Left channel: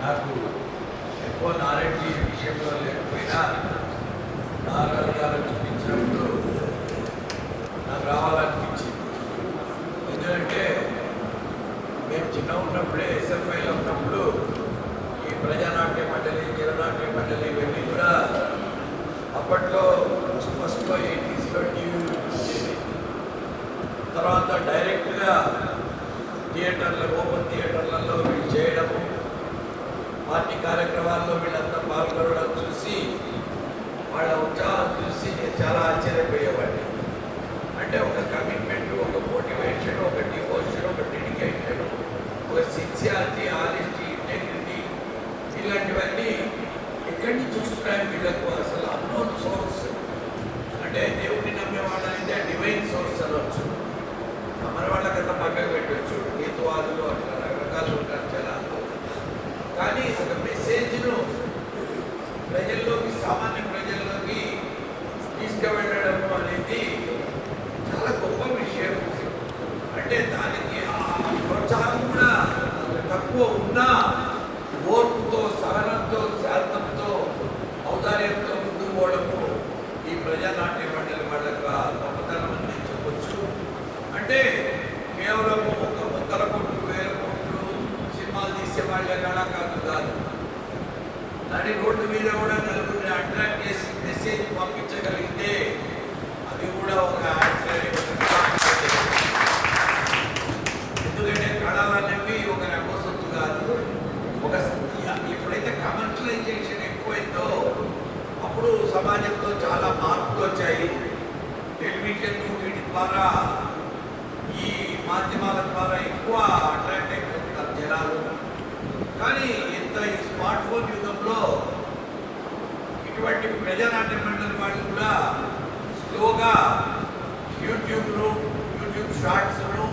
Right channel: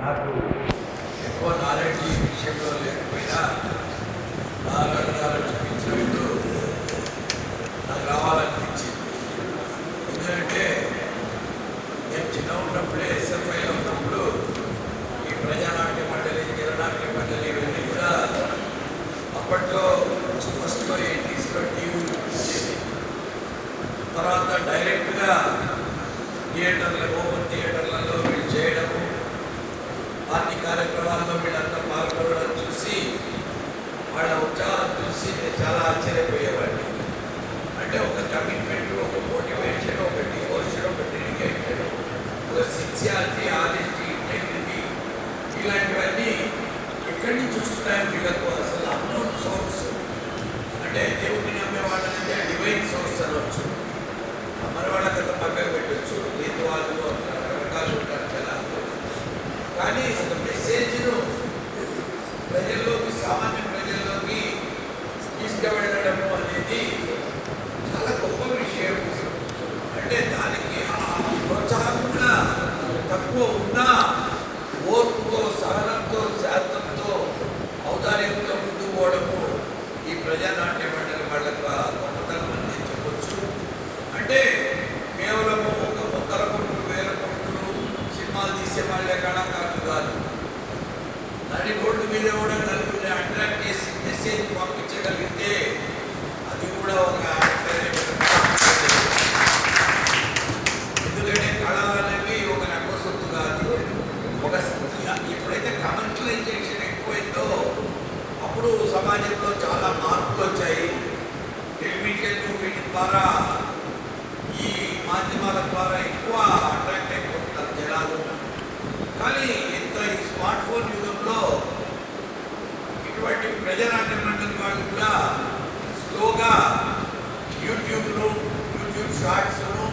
నాకు ఎక్కువ నాలెడ్జ్ ఈ విషయంలో లేకపోయినా నాలుగు చూపించినప్పుడు నాకు రావాలనిపించింది. ఎందుకంటే నేను చిన్న ఉన్నప్పుడే ఎస్ఎఫ్ఐలో ఉన్నప్పుడు ఈ ప్రజానాట్య మండలి, జననాట్య మండలి ఇవన్నీ కూడా అప్పట్లో ఫస్ట్లో 80s టీవీలు వచ్చేది. తర్వాత డైరెక్ట్గా ఓపెన్ థియేటర్లలో వీళ్ళు చేయడము, పార్టీ కార్యక్రమాల్లో వీళ్ళంతా పాల్గొనడం చూసి వాళ్ళ ఉత్సాహం చూసి నేను చాలా ఆశ్చర్యపోయేవాడిని. అంటే ఒక కమిట్మెంట్, ఒక మోటివేషన్, ఒక డివోషన్, ఒక డెడికేషన్, ఒక సిన్సియారిటీ, ఆనెస్టీ, ఇంటెగ్రిటీ ఇలాంటివన్నీ ఎక్కడి నుంచి చూస్తున్నాయి వీళ్ళకు. అసలు అన్నోన్ సోర్స్ అంటే దేవుడిని నమ్మే వాళ్ళైతే డివైన్ సోర్స్ అనవచ్చు, నమ్మని వాళ్ళకంతా పక్కకు పెట్టవచ్చు, లేదు వాళ్ళు రకరకాలు ఉంటారు కదా. కానీ ఒక మెసేజ్ను ప్రజల్లోకి, సామాన్య ప్రజల్లోకి తీసుకువెళ్ళడము అనేది చాలా గొప్ప విషయం. అంటే దానికి ప్రోత్సాహం కూడా తక్కువ ఉన్నా ఓర్పుతో, సహనంతో, శాంతంతో, ఔదార్యంతో ముందుకు పోవడము ఈ ప్రజానాట్య మండలి వాళ్ళకి గొప్పతనం అని చెప్పవచ్చు. అంటే కేవలం ఒక 100 కోట్లు 1000 కోట్లు సినిమాలు తీసే వాళ్ళే కళాకారులు కాదు. దాని రోడ్డు మీద కూడా నలుగురిని అట్రాక్ట్ చేసి మెసేజ్ పంపించగలిగితే అది కూడా ఒక ఎందుకంటే కళలు అనేవి ఒక రకసొత్తు కాదు. ఒక ఎప్పుడైతే కమర్షియలైజేషన్ ఎక్కువైందో అప్పుడు సమాజంలో చాలా మార్పులు వచ్చాయి. టెలివిజన్ వీటి ద్వారా, ఈ మాధ్యమాల ద్వారా ఎక్కువ అట్రాక్ట్ అయిపోతున్నారు జనాలు. కానీ ఇంత ఈ స్మార్ట్ ఫోన్ యుగంలో ఇటువంటి ప్రజానాట్య మండలి వాళ్ళు కూడా స్లోగా యూట్యూబ్ను, యూట్యూబ్ షార్ట్స్ను,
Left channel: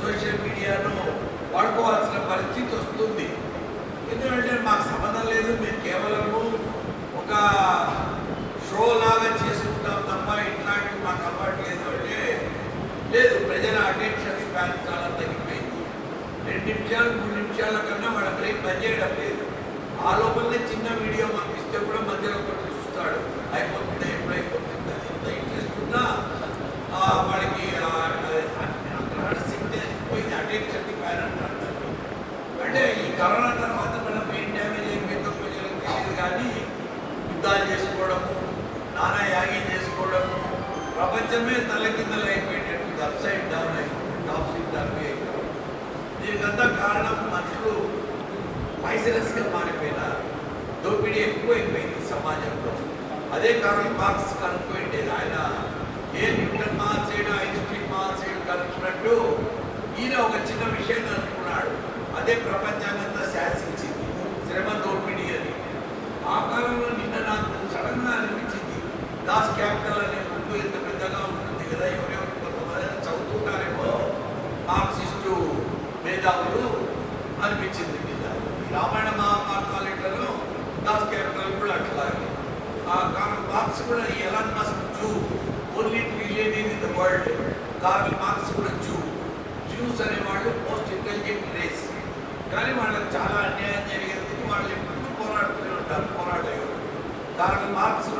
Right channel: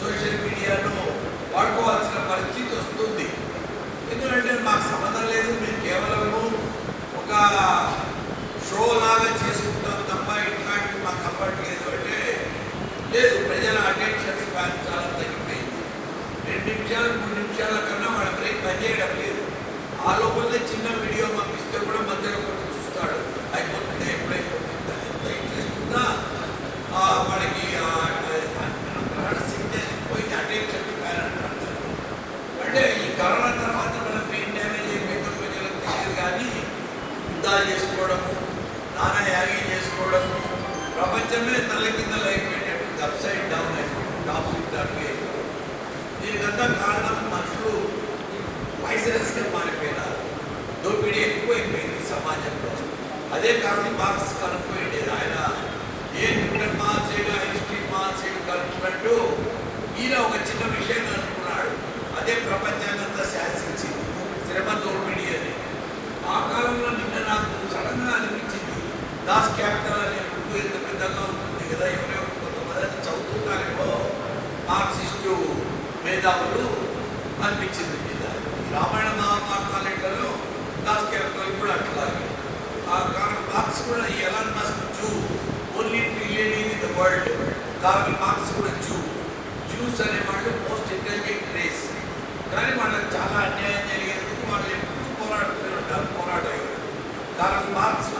సోషల్ మీడియాను వాడుకోవాల్సిన పరిస్థితి వస్తుంది. ఎందుకంటే మాకు సంబంధం లేదు, మేము కేవలము ఒక షో లాగా చేసుకుంటాం తప్ప ఇట్లాంటివి మాకు అవ్వట్లేదు అంటే లేదు. ప్రజల అటెన్షన్ స్పాన్ చాలా తగ్గిపోయింది. 2 నిమిషాలు 3 నిమిషాల కన్నా వాళ్ళ బ్రేక్ పనిచేయడం లేదు. ఆ లోపలనే చిన్న వీడియో పంపిస్తే కూడా మధ్యలో కొట్టి చూస్తాడు, అయిపోతుంది, ఎప్పుడైపోతుందా, ఎంత ఇంట్రెస్ట్ ఉన్నా వాళ్ళకి పోయింది అటెన్షన్ స్పాన్ అంటారు. అంటే ఈ కరోనా తర్వాత మన బ్రెయిన్ డ్యామేజ్ అయిపోయిందో ప్రజలకు తెలియదు. కానీ యుద్ధాలు చేసుకోవడము, నానా యాగి చేసుకోవడము, ప్రపంచమే తలకిందలు అయిపోయేటట్టు అప్సైడ్ డౌన్ అయిపోయింది, టాప్ సైడ్ డౌన్ అయిపోయింది. దీనికంతా కారణం మనుషులు వైసరస్గా మారిపోయినారు. దోపిడీ ఎక్కువైపోయింది సమాజంలో. అదే కారణం మార్క్స్ కనుక్కోండి. ఆయన ఏ న్యూటన్ మహాశయుడు, ఐన్స్టీన్ మహాశయుడు కనుక్కున్నట్టు ఈయన ఒక చిన్న విషయం కనుక్కున్నాడు. అదే ప్రపంచాన్నంతా శాసించింది, శ్రమ దోపిడీ అని. ఆ కాలంలో నిన్న నాకు సడన్గా అనిపించింది, దాస్ క్యాపిటల్ అనే బుక్ ఎంత పెద్దగా ఉంటుంది కదా, ఎవరెవరు కొంతమంది చదువుతుంటారేమో మార్క్సిస్టు మేధావులు అనిపించింది మీద. రామాయణ మహాభారతాలలో దాస్ క్యాపిటల్ కూడా అట్లాగే. ఆ కారణం మార్క్స్ కూడా Elon Musk zoo, only trillion in the world. Karl Marx కూడా జ్యూస్ అనేవాళ్ళు మోస్ట్ ఇంటెలిజెంట్ రేస్. కానీ వాళ్ళకి చాలా అన్యాయం జరిగేందుకు వాళ్ళు ఎప్పుడు పోరాడుతూనే ఉంటారు, పోరాట యోధుడు. కార్ల్ మార్క్స్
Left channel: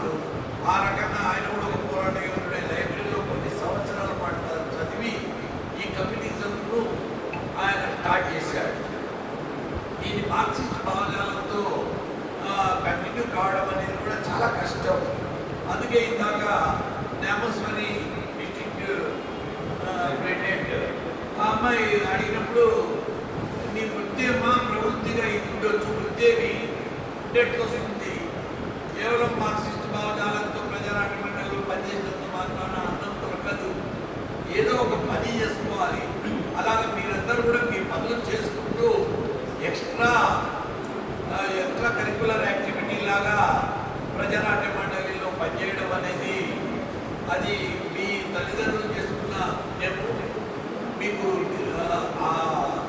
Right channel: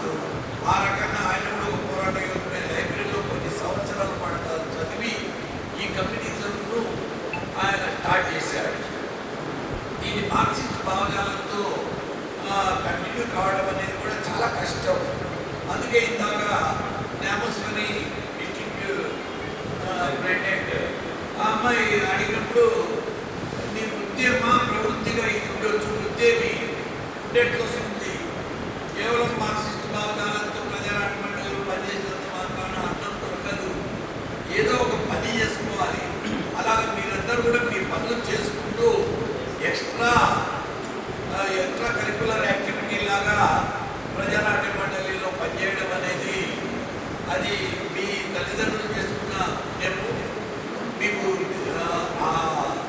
ఆ రకంగా ఆయన కూడా ఒక పోరాట యోధుడే. లైబ్రరీలో కొన్ని సంవత్సరాల పాటు చదివి ఈ కమ్యూనిజంను ఆయన స్టార్ట్ చేశాడు. దీని మార్క్సిస్ట్ భావజాలంతో కంటిన్యూ కావడం అనేది కూడా చాలా కష్టం. అందుకే ఇందాక నామస్వరి డిస్ట్రిక్ట్ ప్రెసిడెంట్ ఆ అమ్మాయి అడిగినప్పుడు నీ వృత్తేమా ప్రవృత్తిగా ఉండొచ్చు, వృత్తేమి ఉండేట్లు వస్తుంది. కేవలం మార్క్సిస్ట్ భావజాలంతో ప్రజానాట్య మండలి పనిచేసినంత మాత్రాన అన్నం దొరకదు, ఏదో ఒక పని చేసుకోవాలి. అలాగే మీరందరూ కూడా మీ పనులు చేసుకుంటూ ఎక్స్ట్రా కరికులర్ యాక్టివిటీ లాగా ప్రజానాట్య మండలిలో పనిచేయడం అనేది అది మీ తల్లిదండ్రులు చేసుకున్న నేను మీకు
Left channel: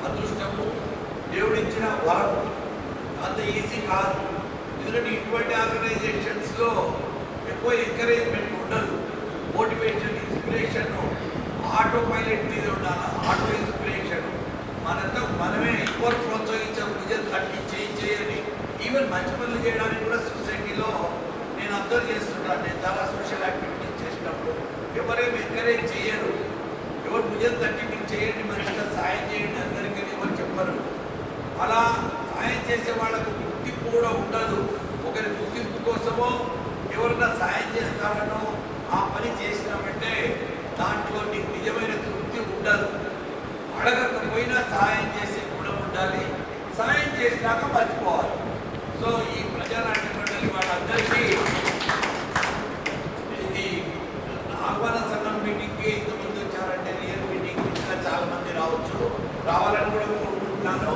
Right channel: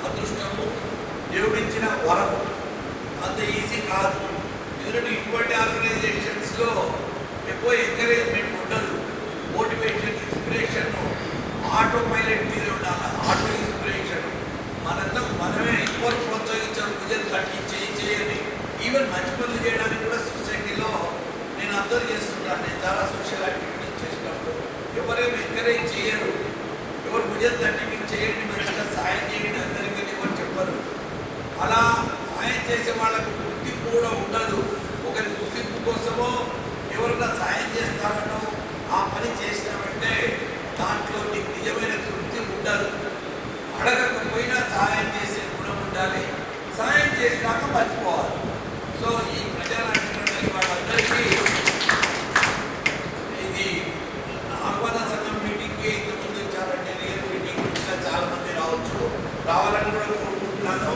అదృష్టము, దేవుడిచ్చిన వరము. అంత ఈజీ కాదు. ఎందుకంటే ఇటువంటి ఆర్గనైజేషన్స్లో ఎక్కువ ఎంకరేజ్మెంట్ ఉండదు. మోటివేషన్, ఇన్స్పిరేషన్ ఆటో పైలట్ మీద ఉండాలి. ఆటో ఇన్స్పిరేషన్ మనంతా మనమే ఎక్కువ ప్రోత్సహించాం, భుజం తగ్గి చేయని మంచి పనులు చేయడానికి కూడా సొసైటీలో నేను అబ్జర్వ్ చేస్తున్నాను. నేను చాలా సోషల్ యాక్టివిటీస్ చేసినప్పుడు ఎవరేమి ఎంకరేజ్ చేయరు. ఎవరు భుజం తట్టి మీకు చేయండి, మంచిగా సాయం చేయండి అందరికీ ఎవరు చెప్పరు. అలా సాయం చేసే వాళ్ళకు గుర్తింపు కూడా ఉండదు. ఒకరి గుర్తింపు కోసమో ఎవరైనా సాయం చేస్తారనో ఆ పని చేసినామంటే దాంట్లో నీకు నిజమైన తృప్తి ఉండదు. అడగకపోయినా సాయం చేసే గుణం ఉండాలి. సాయం చేసినాక మర్చిపోవాలి. సో ఈ ప్రజానాట్య మండలి వాళ్ళందరికీ ఇది ఆహ్వాన సంఘం మీటింగ్కి ఇంతమంది వచ్చారంటే రియల్ మీటింగ్ ఇంకా చాలా మంది రావచ్చు, రావాలని కూడా కోరుకుంటున్నాను.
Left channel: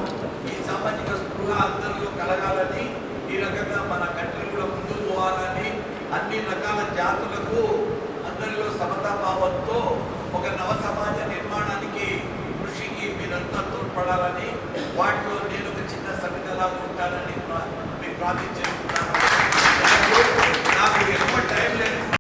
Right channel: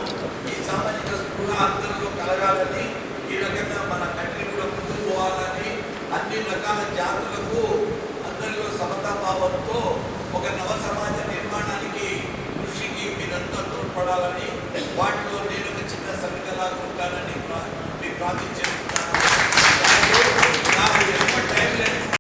ఈ సామాజిక స్పృహ అందరిలో కలగాలని, ఈ రకంగా మన కంట్రీ కూడా ముందుకు పోవాలని, అన్ని రకాల జాతులకు అందరిలో సమతాభావంతో ఒక నవ సమాజ నిర్మాణానికి కృషికి మీరంతా తోడ్పడాలని, వాటిలో నేను ఒక చిన్న సంఘటనలాగా ఉంటానని మీకు ప్రార్థించాను.